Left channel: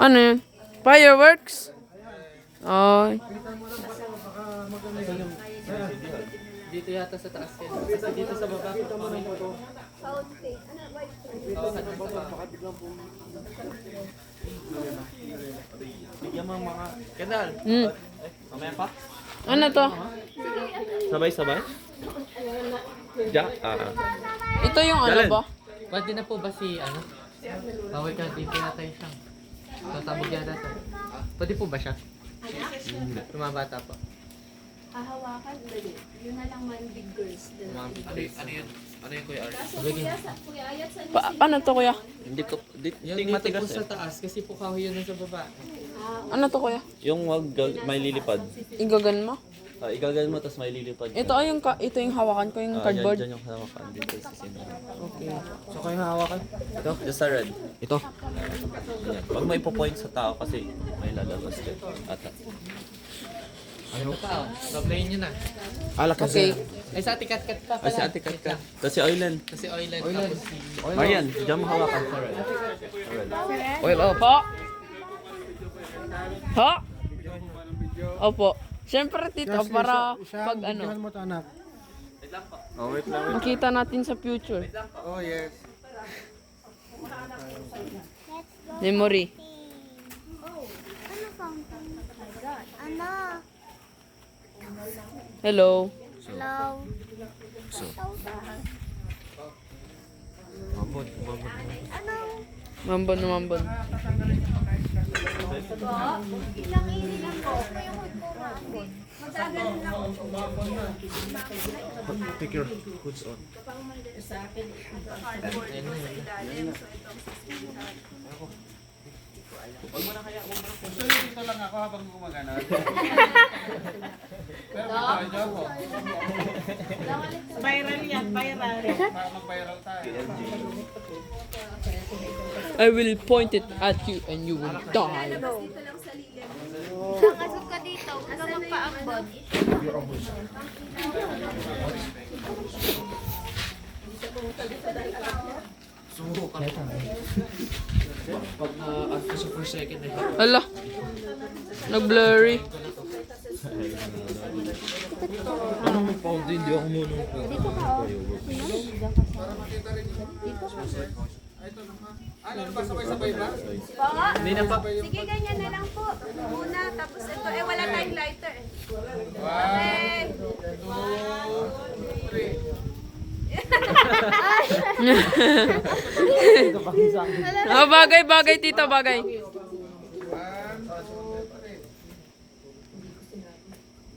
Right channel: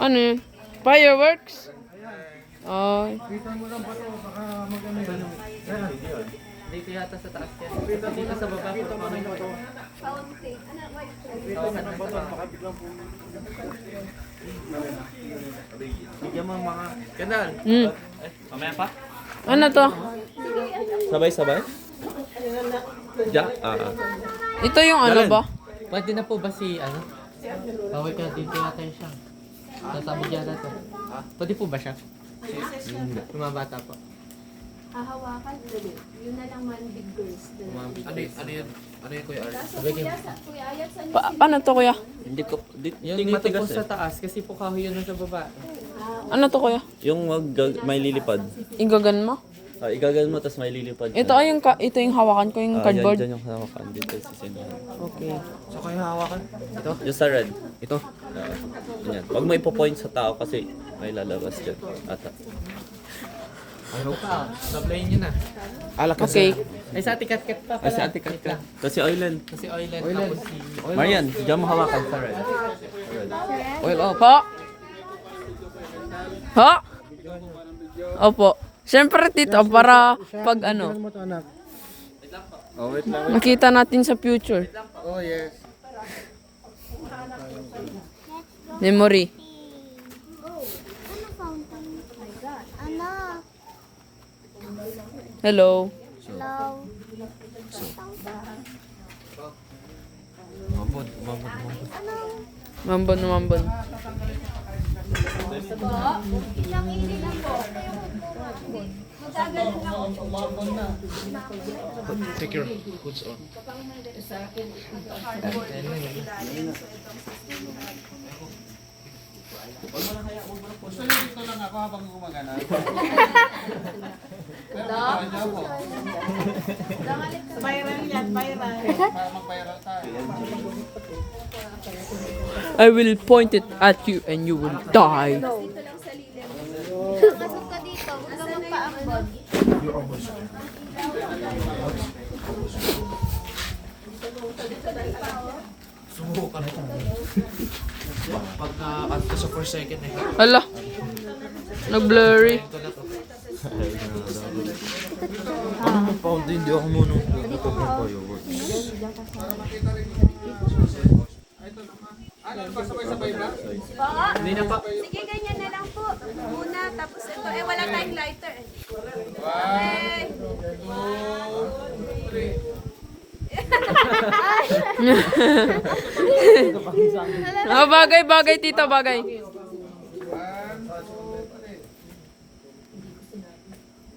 Ano yun? Fireworks? Ay. Dito yata sa taas yan. Kasi dito sa baba. Bigyan mo mga... Kendall! Mamaya pa? Ano to? Sabay-sabay? Ito yung ano ba? Pwede na po ba si ano? Bawal ka dito yata yung siyang. Tatabog yata to. Pwede po ba siya? Yung mga bata po. Hahawakan dali. Yun na lang man big girls. Ano yun? Ano yun kuya? Kaso kuya Ayat sa Paano to kuya? Hindi ko, Yung ting dito matigas po sa eh. taas kasi po kahoy yun sa baba. Ano to kuya? Yung may lilipad. Igagan mo? Igagan mo, tapos may lilipad. Ito ay yung ito yung hawakan ko yung cardboard. Yan yung hawakan dito sa sino. Okay. So kayo hawakan? Ito? Just sa red. Ito? Yan. Huwag mo ipo-point sa tao kasi may lalabas dyan. Ata. Ano pa? Nag-play nyo na. Okay. Ay sa atikat-kat pa pala. Sa atikat ka. Tapos si Oilan. Kasi oilan. Marian, diyan mo hawakan sa red. Oil off. Ha? Ha? Opo. Siyempre tito para pag ano. Oh, wait lang. Nakita natin sa future. Oh yes. Memory. Ano fountain? Oh my God. Ano? Hello. Hello? Mambon na mambon. Ilang inilang ko. Kaya ko kumambon. Matagal na. Take your boots off. Dito lang ako habang gumagana. Pero may tayo ako. Viral yan, viral. Para mag-viral tayo. I will point it at you and you will die. Dito lang sa lilim. Nakasok ka dito. Huwag ka magpaambon. Pag na sa 4 second eh. Hala. Nag-blurry. Hindi ako muna. Para makita rin yung Ay, ito naman. Ano ba? Sabay-sabay ba? Hindi na pa. Sige, ganyan na lang po. Muna, tapos ito. Wala tayong lighter. 1, 2, 3. Ah, bagay, bagay, tito, bagay. 1, 2,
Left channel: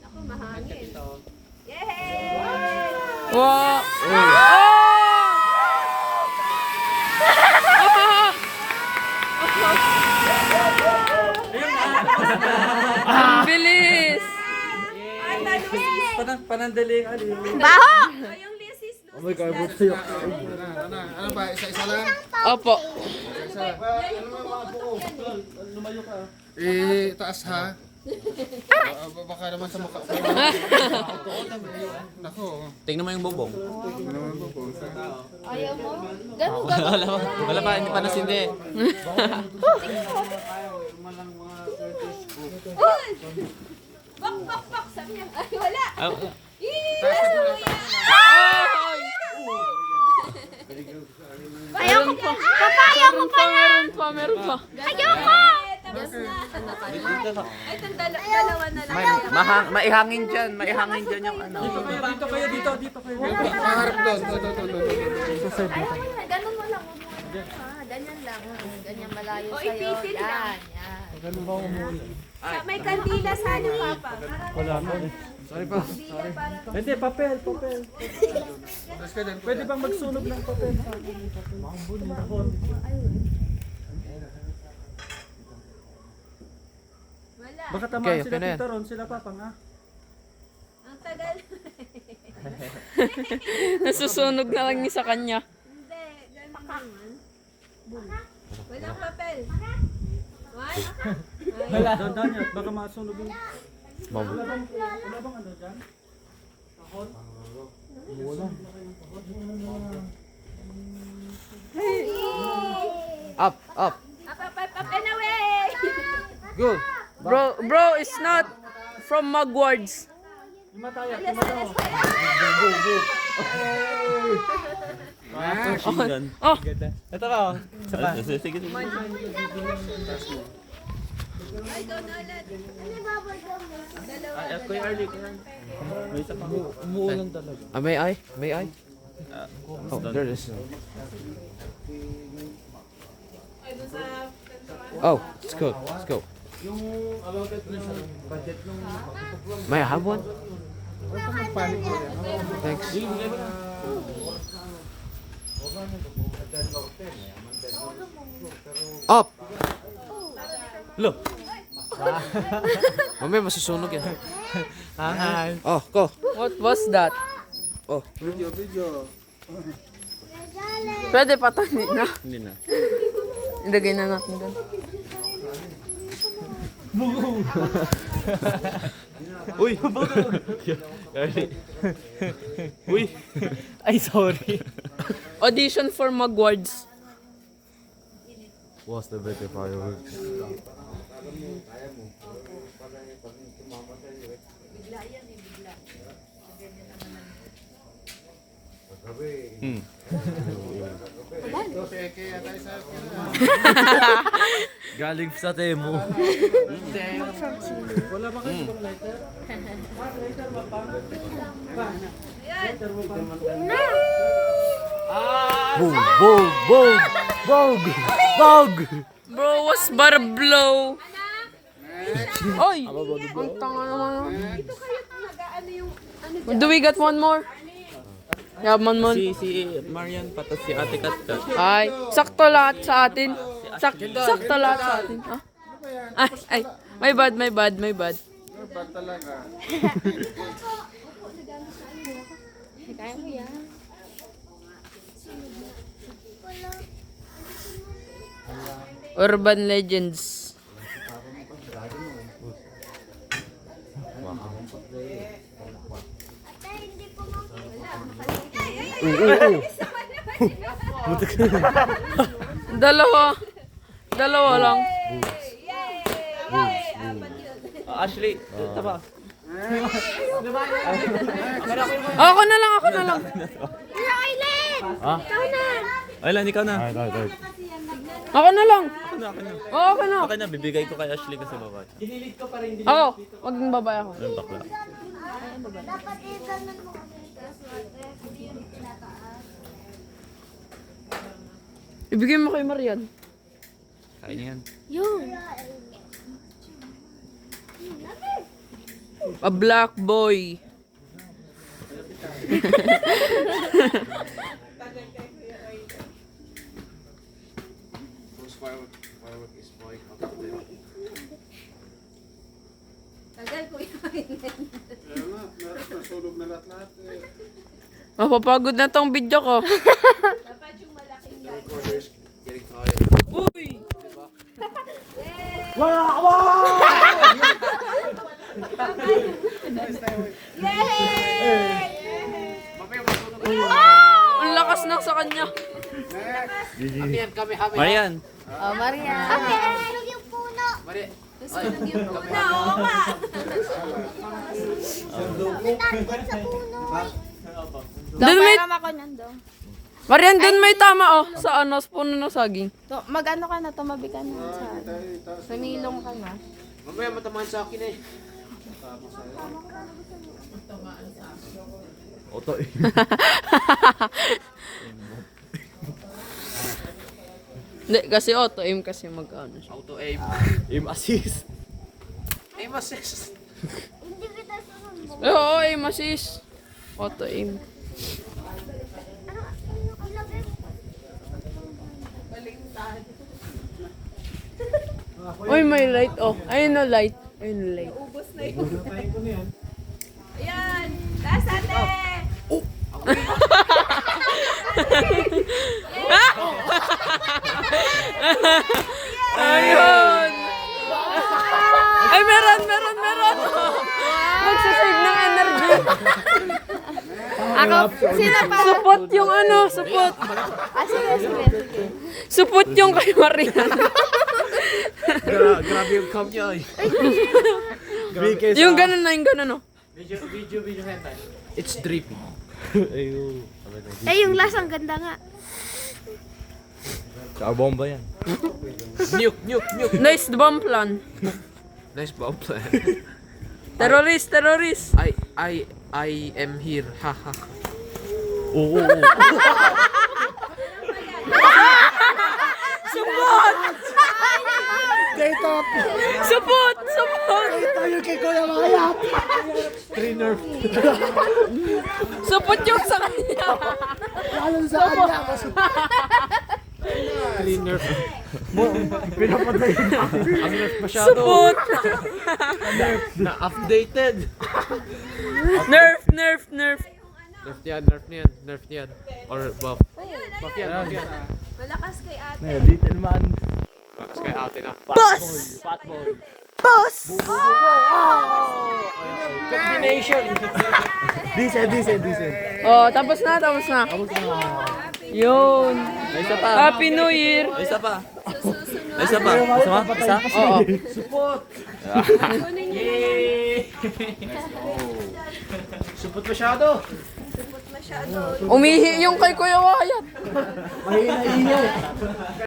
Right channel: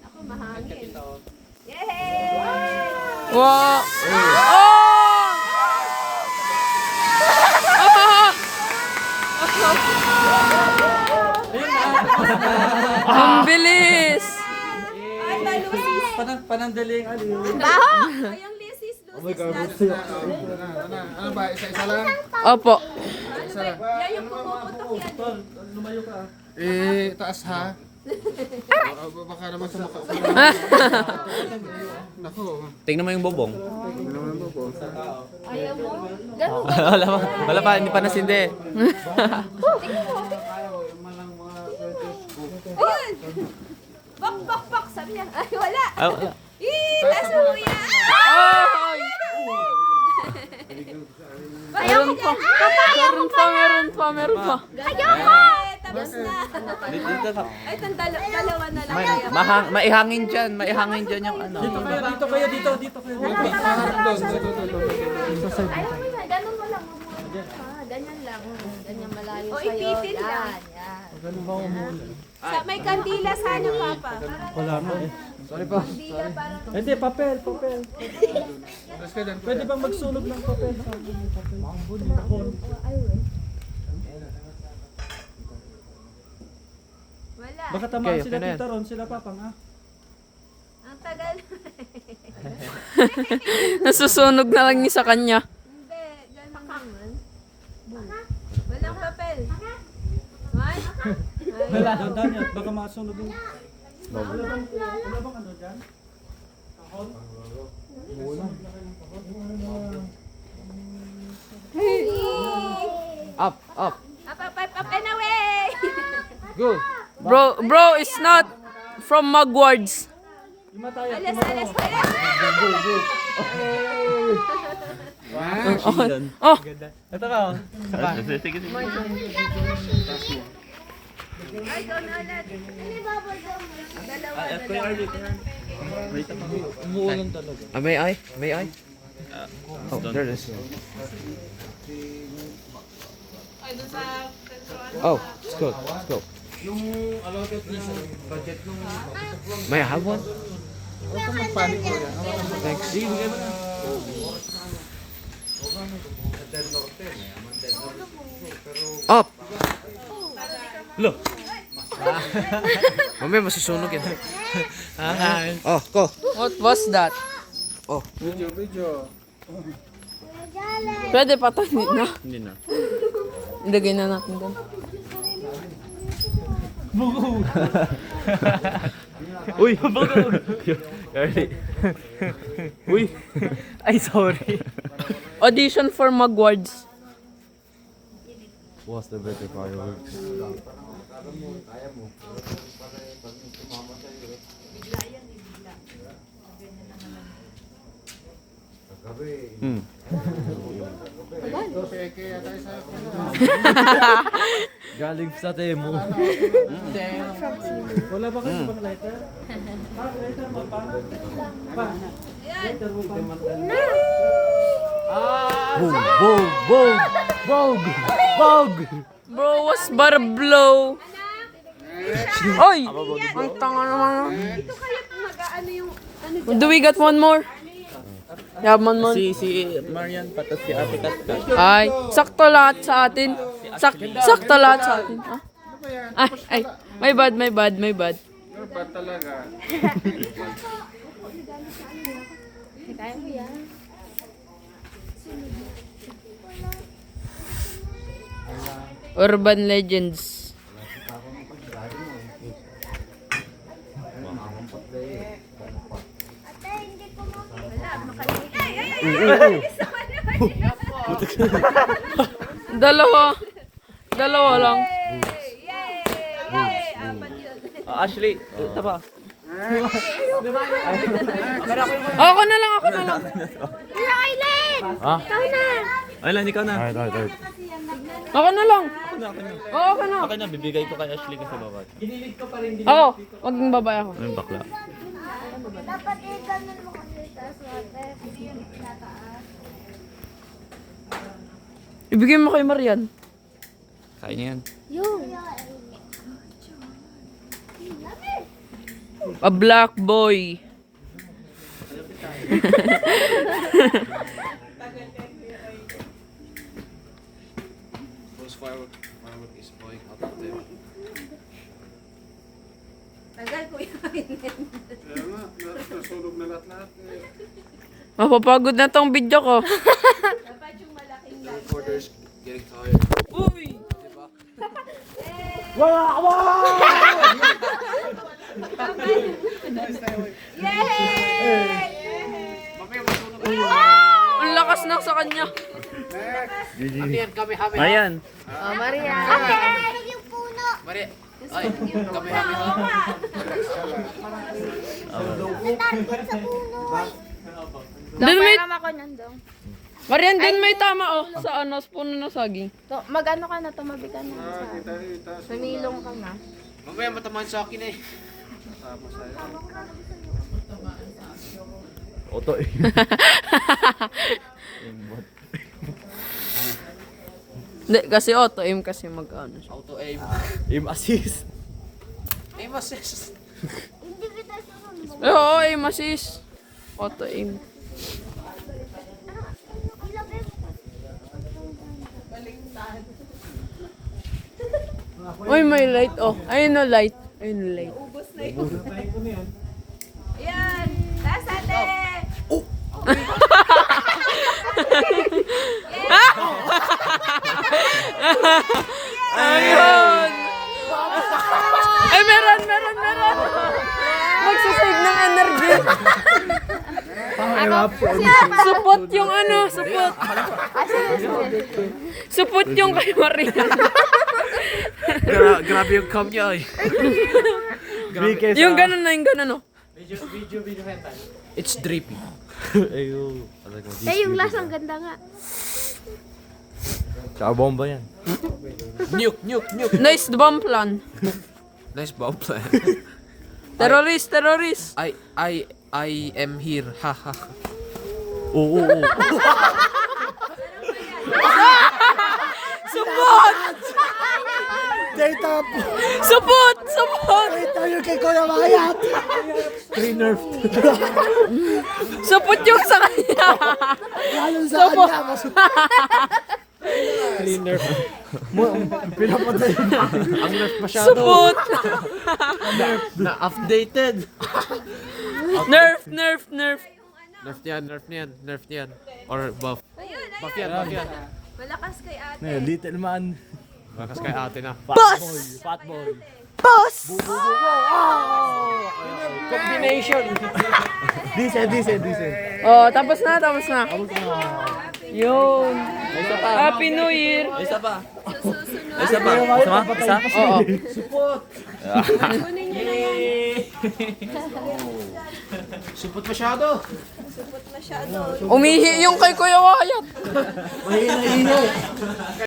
3. Ako, mahangin. Yay! Wow. Oh! Ang bilis. Panandaling ali. Ay, yung lisis, lusis na. Ano ba? Isa-isa lang? Opo. Lumayo ka. Taas ha? Baka naman sa mukha ko. Nako. Tingnan mo yung bobong. Ayaw mo? Ganun Wala pa, hindi pa nasindi. Ayun! Bak, bak, bak! Sabi niya, ay wala! Ah, wala. Nasa mo yan! Ay! Meron pa. Meron pa, meron pa, meron pa. Ayoko! Tapos na. Dito ka. Ay, dalawa na lang. Maihangin dyan yung ano. Dito kayo, dito kayo. Ganun mo lang. Ganyan lang. Ganyan malayo sa'yo. O, ipitin lang. Yan. May kandila sana, Papa. Wala na eh. Sorry pa. Kandila para Hindi, papel. Tapos ka dyan. Pwede bang magsunog ng papel sa akin? wala. Baka tamaan sila Tita Ron, sila papang ah. Ang tagal. Nasusunog na lang ni sa kanya. Hindi, ganun naman. Walang papel. One? Ay, Dandan yan, baka masunog yung... Wala bang ano dyan? Kahon? Good. Bro is not from Magwards. Oh, Ito ba? Sige, sige. Kuya Arlie, kuya Arlie. May isa pa. Umuulan talaga. May I? May I? Oh, there it is. Oh, let's go. Let's go. May I have one? Huwag ka magpanik ko yan. Thanks. Sige, bigay mo na. Up! Lo. Mamaya masusunog yan. Hi. Oh, go. what was that? Oh. Video. Pwede patanin na. Hindi na. Ilagay na natin doon. Uy, bago. Arlie. Uy. Ay, sorry. Audition for Magwards. What's the better fireworks? Hmm. Ito si Eke yata isa. Galing sa Temo. Wala ba kayo pang lighter? Boom, boom, boom, boom, boom. Bro was but a blow. Oy! Ang tanga naman. Do we got one more? Yeah, one more. Si Marian patas si Ate Katkat. Ay, sakto lahat sa atin. Sakto lahat sa atin. Ah? Ay, my bad. You're bad talaga. Urban Legends. Dalawa lang. Ashley, ito ba? Ako na lang. Ay lang, ikaw na. Ako na lang. Oo, ako na. Akin na, bibigay ko kay Ashley kasi babat. Ako, wag mong babae ako. Yung bakla. Dapat i-ganun mo kasi taas water. Hindi yun pinataas. Ibigay mo kay Marian. Kain niya yan. Yun. A black boy. Tagal ko yun. Kaya nga, nasunog na lahat-lahat. Mapapagod na tong video ko. Dapat yung malaking light. Uy! Ang lakas na sa kanya. Marian. Oh, Maria. Okay. Yung puno. Maria. Susunod yung puno. Doon may, Tama ko nandun. Marian, doon may tama oh. Sa ano, sa puno ng saging. Mag-ano ka na, tumabi ka na. Kita. Sumilong ka na. Tama sa'yo. Oto eh. Hindi, kasi auto aim kasi mag-ano siya. Auto aim. Aim assist. Aim assist. Hindi kita sunod. Oo, aim assist. Auto aim. Uy, may light oh. Ayun na light. Ayun na light. Ubus na yun. Ayan. Last ate. Ayun! Ay, meron! Magsasave ng energy. Supot yung ano, supot. Supot yung kay Marian. Grabe yung cam niya eh. Yung ganun na, yung ganun, no? It's drippy. Ayo. yung lasang ganda nga. Tsaka bomba yan. Nuke. Nice bomb plan. Nice bomb plan. Terrorist. I am here. Haha. Oo. Supot! Data po. Supot! Tayo kay Kuya Mayat. Trainer. Supot yung sa kanya. Ayon sa kanya ako. Trainer. Pinapatay na. Ang left masyado. Supot! Updated. Nerf. Nerf yan. Or buff. Buff yan. Malakas kay ate. Dito naman. Bakas kay ate na. Fatball. Boss! Combination. Decent. Oh, tapos na. Yun. Happy New Year. Isa pa. Oo. Supot masyado. Umihi yung kay Kuya Wyatt. Mahina.